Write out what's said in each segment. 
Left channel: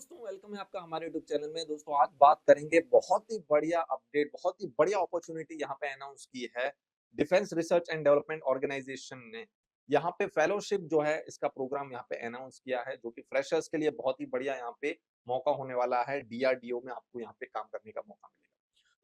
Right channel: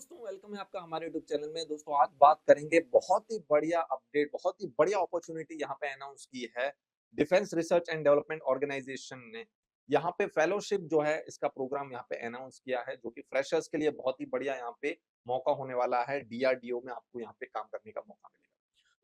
दोस्तों वेलकम है आपका हमारे यूट्यूब चैनल में। दोस्तों आज बात करेंगे बहुत ही बढ़िया अपडेट, बहुत ही बढ़िया अपॉर्चुनिटी यहाँ पे अनाउंस की है defence research and development organisation ने। यहाँ पे फेलोशिप जो है इसका प्रोग्राम यहाँ पे अनाउंस किया है, जो कि फ्रेशर्स के लिए बहुत ही बढ़िया यहाँ पे मौका होने वाला है। डीआरडीओ में आपको यहाँ पे काम करने का मौका मिलेगा।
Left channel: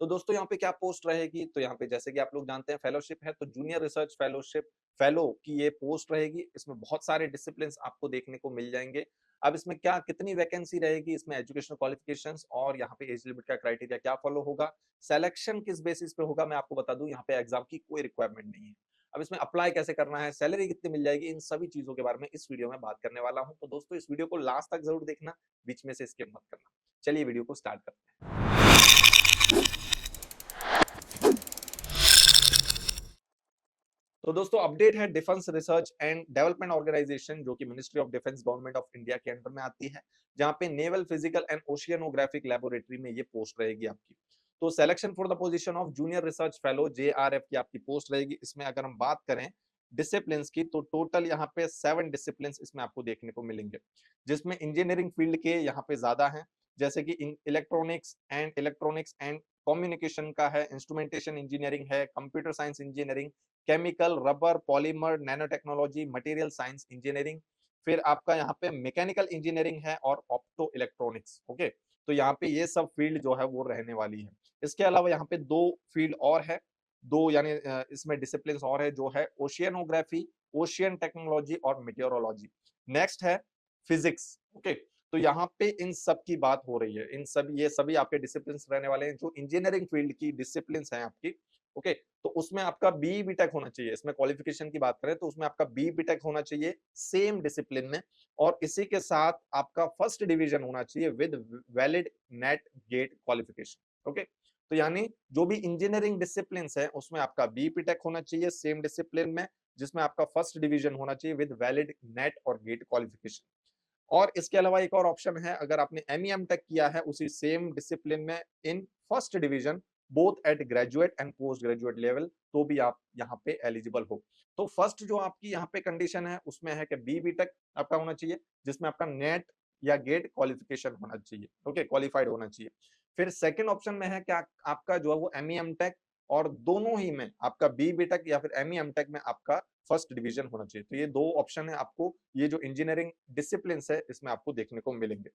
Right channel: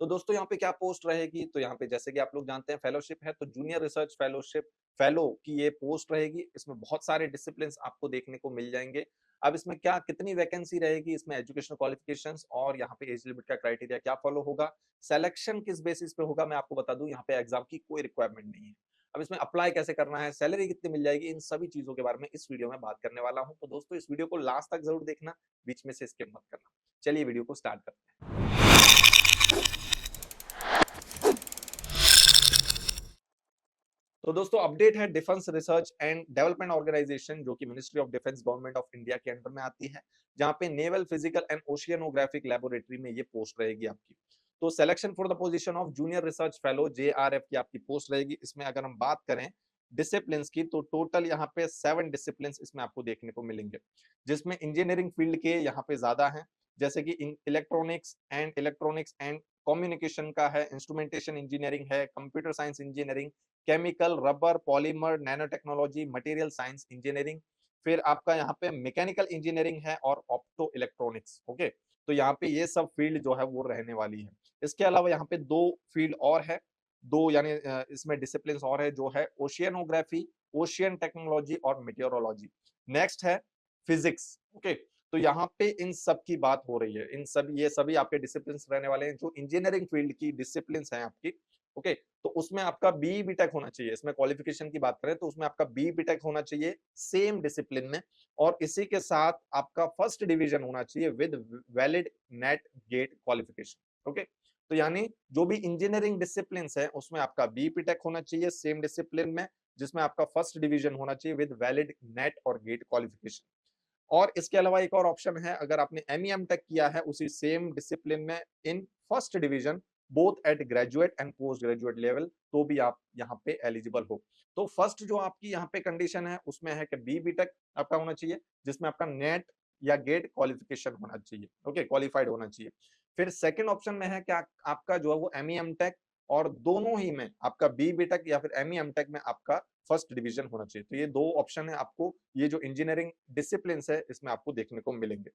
तो दोस्तों यहाँ पे क्या पोस्ट रहेगी, तो यहाँ पे जैसे कि आप लोग जानते हैं फेलोशिप है, तो जूनियर रिसर्च फेलोशिप फेलो की ये पोस्ट रहेगी। इसमें बहुत सारे डिसिप्लिन आपको देखने को मिल जाएंगे। अब इसमें क्या कितनी वैकेंसी रहेगी, इसमें एजुकेशनल क्वालिफिकेशंस और यहाँ पे एज लिमिट का क्राइटेरिया क्या फॉलो होगा, सिलेक्शन किस बेसिस पे होगा, मैं आपको बता दूं यहाँ पे एग्जाम की कोई रिक्वायरमेंट नहीं है। अब इसमें अप्लाई कैसे करना है, सैलरी कितनी मिल जाएगी, इन सभी चीजों के बारे में इस वीडियो में बात करने वाला हूं। तो दोस्तों इस वीडियो को लास्ट तक जरूर देखना, बीच में से स्किप मत करना। चलिए वीडियो को स्टार्ट करते हैं। तो दोस्तों अपडेट है defence research and development organisation, जो कि ministry of defence government of India के अंडर में आती है, जहां पे नेवल फिजिकल एंड ओशियनोग्राफिक लेबोरेटरी में ये पोस्ट रहेगी आपकी। तो selection for the position of junior research fellow JRF की आपकी पोस्ट रहेगी। इसमें अगर हम बात करें डिसिप्लिन की, तो टोटल यहाँ पे 7 डिसिप्लिन इसमें आपको देखने को मिलेंगे, जिसमें इंजीनियरिंग फील्ड के यहाँ पे ज्यादा है, जैसे कि इलेक्ट्रॉनिक्स एंड कम्युनिकेशन का है, इंस्ट्रूमेंटेशन इंजीनियरिंग है, computer science engineering, chemical, rubber, polymer, nano technology, material science engineering, फिर आपका यहाँ पे मैकेनिकल इंजीनियरिंग है और ऑप्टो इलेक्ट्रॉनिक्स। ओके, तो यहाँ पे ये सब फील्ड जो है वो रहने वाली है। इसके अलावा यहाँ पे दो फील्ड और है, दो यानी इसमें डिसिप्लिन और है, जो है ओशियनोग्राफी, ओशियन टेक्नोलॉजी और मेटेरोलॉजी। नेक्स्ट है फिजिक्स। ओके, तो यहाँ पे इन सब की बात हो रही है, इन सब ये सभी आपके डिसिप्लिन रहने वाले हैं जो इंजीनियरिंग फील्ड की डिसिप्लिन है आपकी। ओके, तो उसमें आपका बी बीटेक होना चाहिए। इसमें क्वालिफिकेशन की बात करें तो उसमें आपका बी बीटेक होना चाहिए सेम डिसिप्लिन में, और इसी के साथ आपका फर्स्ट डिवीजन होना चाहिए with valid NET GATE qualification. Okay, तो यानी जो भी इंजीनियरिंग डिसिप्लिन है उसमें आपका बी बीटेक होना चाहिए सेम डिसिप्लिन में, जिसमें आपका फर्स्ट डिवीजन होना चाहिए विद वैलिड नेट और गेट क्वालिफिकेशन। और इसके अलावा एक और ऑप्शन है, अगर आपने एमईएम टेक किया है उसी सेम डिसिप्लिन में इन first division both at graduate and post graduate level, तो भी आप यहाँ पे एलिजिबल हो। तो फर्स्ट जो आपकी यहाँ पे कंडीशन है उसमें है कि बी बीटेक आपका होना चाहिए, जिसमें आपका नेट या गेट क्वालिफिकेशन होना चाहिए। ओके, क्वालिफाइड होना चाहिए। फिर सेकंड ऑप्शन में है कि आपका जो है वो एमईएम टेक, और दोनों ही में आपका बी बीटेक या फिर एमईएम टेक में आपका फर्स्ट डिवीजन होना चाहिए। तो ये दो ऑप्शन है आपको, ये जो इंजीनियरिंग डिसिप्लिन है इसमें आपको देखने को मिलेंगे।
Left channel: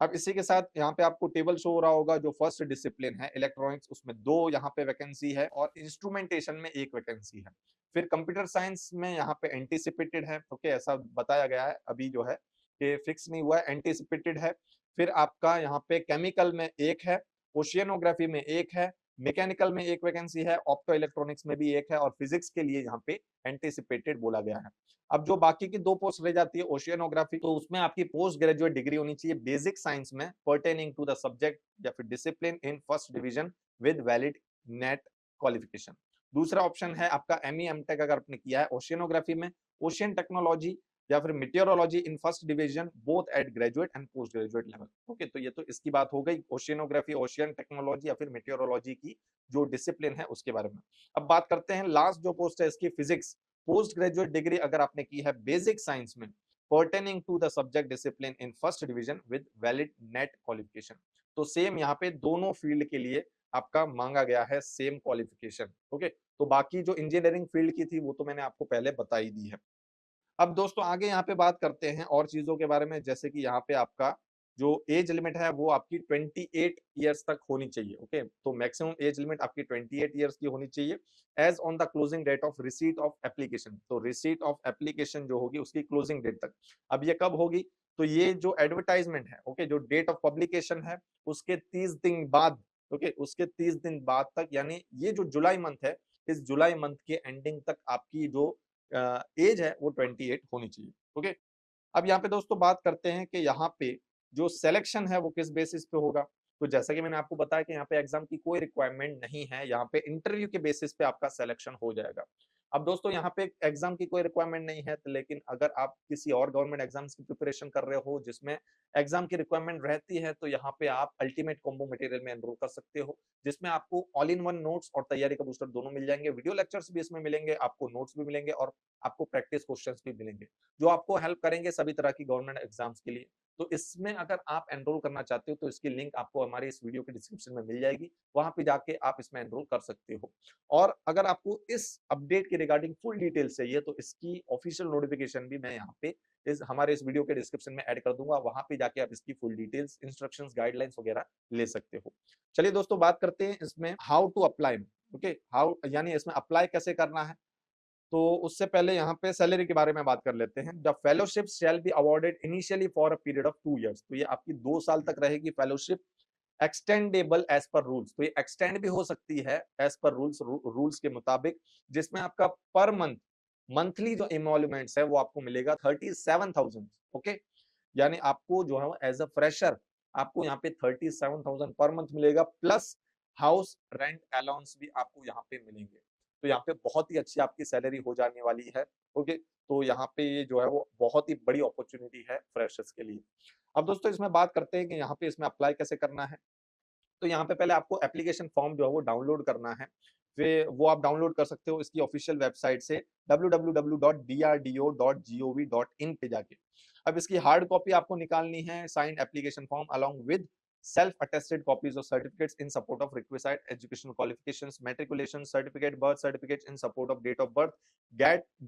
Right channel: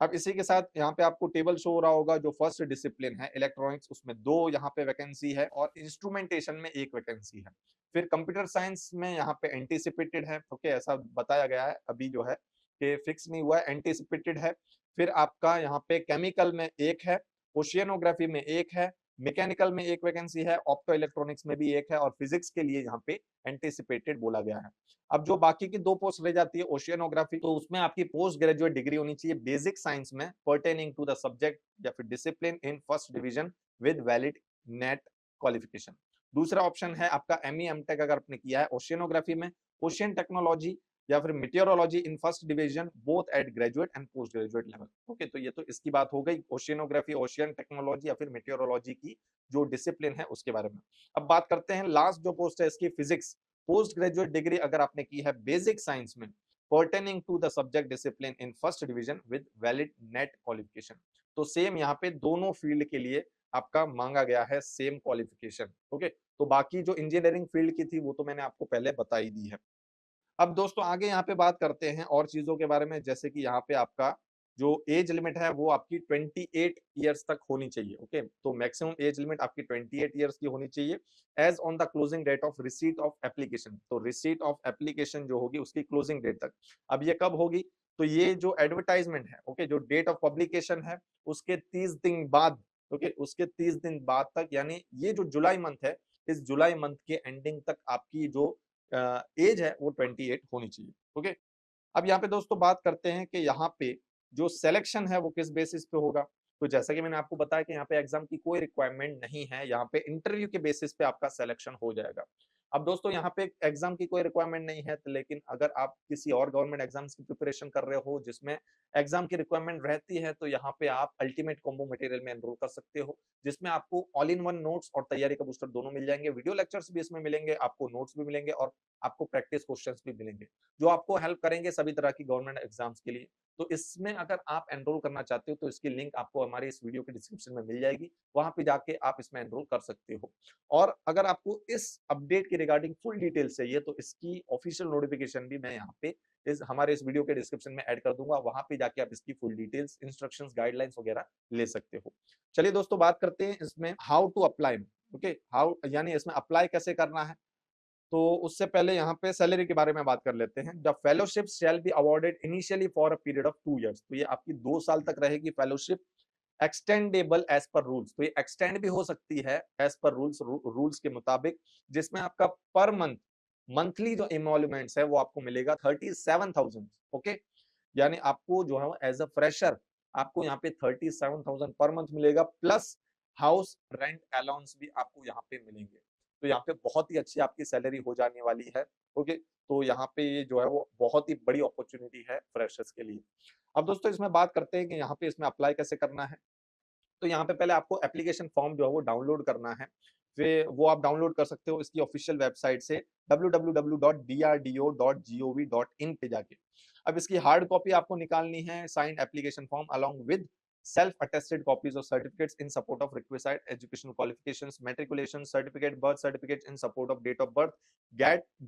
अब इसी के साथ यहाँ पे आपको टेबल शो हो रहा होगा, जो फर्स्ट डिसिप्लिन है इलेक्ट्रॉनिक्स उसमें दो यहाँ पे वैकेंसी है, और इंस्ट्रूमेंटेशन में एक वैकेंसी है। फिर कंप्यूटर साइंस में यहाँ पे एंटीसिपेटेड है, क्योंकि ऐसा बताया गया है, अभी जो है कि फिक्स नहीं हुआ है, एंटीसिपेटेड है। फिर आपका यहाँ पे केमिकल में एक है, ओशियनोग्राफी में एक है, मैकेनिकल में एक वैकेंसी है, ऑप्टो इलेक्ट्रॉनिक्स में भी एक है, और फिजिक्स के लिए यहाँ पे एंटीसिपेटेड बोला गया है। अब जो बाकी की दो पोस्ट रह जाती है ओशियनोग्राफी, तो उसमें आपकी पोस्ट ग्रेजुएट डिग्री होनी चाहिए बेसिक साइंस में पर्टेनिंग टू द सब्जेक्ट या फिर discipline in first division with valid NET qualification. दूसरा ऑप्शन है आपका एमई एमटेक अगर आपने किया है ओशियनोग्राफी में, ओशियन टेक्नोलॉजी या फिर meteorology in first division both at graduate and post graduate level. Okay, तो ये तो इसकी बात हो गई ओशियनोग्राफी, ओशियन टेक्नोलॉजी या फिर मेटेरोलॉजी की जो डिसिप्लिन है उसके बारे में। अब बात करते हैं लास्ट जो पोस्ट है इसकी, फिजिक्स। पोस्ट ग्रेजुएट डिग्री अगर आपने की है बेसिक साइंस में pertaining to the subject discipline in first division with valid NET qualification, तो सेम यहाँ पे दोनों फील्ड के लिए आपका मांगा गया है सेम क्वालिफिकेशन। ओके, तो बाकी जो इंजीनियरिंग फील्ड की थी वो तो मैंने आपको पहले बता ही दी है। अब दोस्तों आगे यहाँ पे बात करते हैं और चीजों के बारे में, जैसे कि यहाँ पे आपका जो एज लिमिट है वो आपकी 28 ईयर्स तक होनी चाहिए। ओके, तो मैक्सिमम एज लिमिट आपकी 28 ईयर्स की होनी चाहिए age on the closing date of receipt of application. तो रिसीट ऑफ एप्लीकेशन जो होगी उसकी क्लोजिंग डेट तक। अब ये कब होगी, तो ये जो एडवर्टाइजमेंट है, ओके, जो डेट ऑफ पब्लिकेशन है उसके 30 दिन बाद, ओके, उसके 30 दिन बाद तक, यानी ये जो जुलाई मंथ है, इस जुलाई मंथ के एंडिंग तक आपकी जो एज है वो 28 होनी चाहिए। ओके, अब यहाँ पे दोस्तों बात करते हैं कि यहाँ पे जो सिलेक्शन है वो किस बेसिस पे होगा। तो जैसा कि मैंने आपको बताया कि यहाँ पे एग्जाम की कोई रिक्वायरमेंट नहीं है, यहाँ पे इंटरव्यू के बेसिस पे आपका सिलेक्शन हो जाएगा। अब दोस्तों यहाँ पे एग्जाम की कोई रिक्वायरमेंट नहीं है, तो लेकिन अगर आप किसी और गवर्नमेंट एग्जाम्स की प्रिपरेशन कर रहे हो जिसमें एग्जाम की रिक्वायरमेंट रहती है, तो यहाँ पे आप अल्टीमेट कॉम्बो मटेरियल में एनरोल कर सकते हो, जिसमें आपको ऑल इन वन नोट्स और तैयारी का बूस्टर दोनों मिल जाएंगे। वीडियो लेक्चर्स भी इसमें मिलेंगे, आपको नोट्स भी मिलेंगे और आपको प्रैक्टिस क्वेश्चंस भी मिलेंगे, जो आपको हेल्प करेंगे सभी तरह की गवर्नमेंट एग्जाम्स के लिए। तो इसमें अगर आप एनरोल करना चाहते हो तो इसकी लिंक आपको हमारे इस वीडियो के डिस्क्रिप्शन में मिल जाएगी, वहाँ पे जाके आप इसमें एनरोल कर सकते हो। और अगर आपको इस अपडेट के रिगार्डिंग फुल डिटेल्स चाहिए तो इसकी ऑफिशियल नोटिफिकेशन भी मैं यहाँ पे हमारे इस वीडियो के डिस्क्रिप्शन में ऐड कर दूंगा, वहाँ पे जाके आप इसकी फुल डिटेल्स, इंस्ट्रक्शंस, गाइडलाइंस वगैरह ले सकते हो। चलिए दोस्तों, बात करते हैं इसमें how to apply. Okay, how यानी इसमें अप्लाई कैसे करना है। तो उससे पहले यहाँ पे सैलरी के बारे में बात कर लेते हैं। The fellowship shall be awarded initially for a period of 2 years. तो ये आपकी 2 साल तक रहेगी fellowship, extendable as per rules. तो ये एक्सटेंड भी हो सकती है एज पर रूल्स, रूल्स के मुताबिक, जिसमें आपका पर मंथ मंथली जो इमोल्यूमेंट्स है वो आपको मिलेगा 37,000। ओके, यानी आपको जो है एज अ फ्रेशर आपको यहाँ पे 37,000 पर मंथ मिलेगा, प्लस हाउस रेंट अलाउंस भी आपको यहाँ पे मिलेंगे। तो यहाँ पे बहुत ही अच्छी आपकी सैलरी हो जाने वाली है। ओके, तो यहाँ पे जो है वो बहुत ही बड़ी अपॉर्चुनिटी है फ्रेशर्स के लिए। अब दोस्तों इसमें बात करते हैं कि यहाँ पे इसमें अप्लाई कैसे करना है। तो यहाँ पे पहले आपको एप्लीकेशन फॉर्म जो है वो डाउनलोड करना है। फिर वो आप डाउनलोड कर सकते हो इसकी ऑफिशियल वेबसाइट से www.drdo.gov.in पे जाके। अब इसकी हार्ड कॉपी आपको निकालनी है, sign application form along with self attested copies of certificates in support of requisite educational qualifications, matriculation certificate, birth certificates in support of date of birth,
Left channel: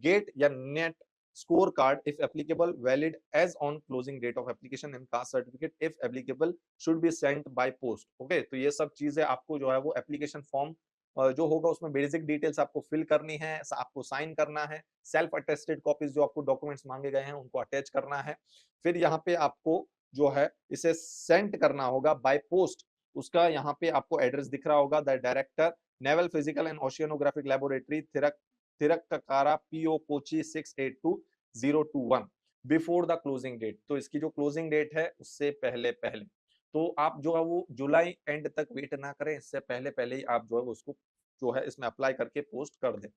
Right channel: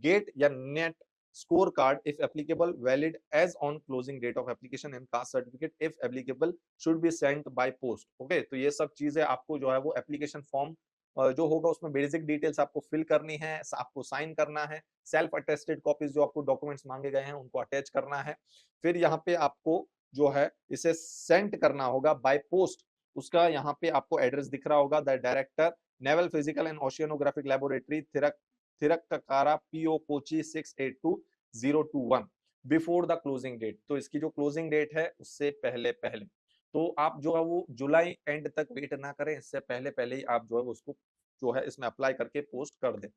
gate या net score card if applicable, valid as on closing date of application, and caste certificate if applicable should be sent by post। Okay, तो ये सब चीजें आपको जो है वो application form जो होगा उसमें बेसिक डिटेल्स आपको फिल करनी है, आपको साइन करना है, सेल्फ अटेस्टेड कॉपीज जो आपको डॉक्यूमेंट्स मांगे गए हैं उनको अटैच करना है। फिर यहाँ पे आपको जो है इसे सेंड करना होगा बाय पोस्ट। उसका यहाँ पे आपको एड्रेस दिख रहा होगा, the director Naval physical and ओशियनोग्राफिक Laboratory, Thrikkakara, PO Kochi 682021 before the closing date. तो इसकी जो क्लोजिंग डेट है उससे पहले पहले, तो आप जो है वो जुलाई एंड तक वेट ना करें, इससे पहले पहले ही आप जो है उसको जो है इसमें अप्लाई करके पोस्ट कर दें।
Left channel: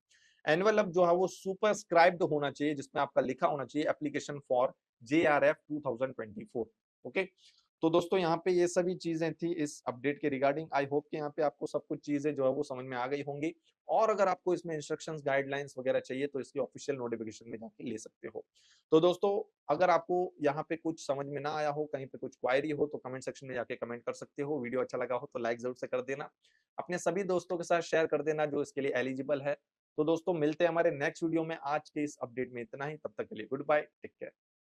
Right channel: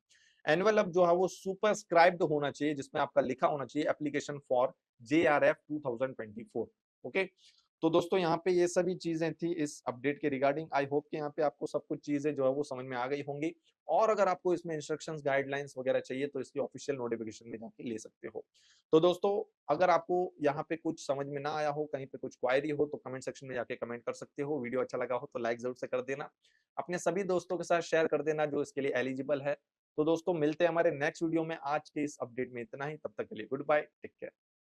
एनवेलप जो है वो सुपरस्क्राइब्ड होना चाहिए, जिसमें आपका लिखा होना चाहिए एप्लीकेशन फॉर JRF 2024। ओके, तो दोस्तों यहाँ पे ये सभी चीजें थी इस अपडेट के रिगार्डिंग। आई होप कि यहाँ पे आपको सब कुछ चीजें जो है वो समझ में आ गई होंगी। और अगर आपको इसमें इंस्ट्रक्शंस, गाइडलाइंस वगैरह चाहिए तो इसके ऑफिशियल नोटिफिकेशन में जाके ले सकते हो। तो दोस्तों, अगर आपको यहाँ पे कुछ समझ में ना आया हो, कहीं पे कुछ क्वायरी हो, तो कमेंट सेक्शन में जाके कमेंट कर सकते हो। वीडियो अच्छा लगा हो तो लाइक जरूर से कर देना, अपने सभी दोस्तों के साथ शेयर कर देना जो इसके लिए एलिजिबल है। तो दोस्तों मिलते हैं हमारे नेक्स्ट वीडियो में। आज के इस अपडेट में इतना ही, तब तक के लिए गुड बाय, टेक केयर।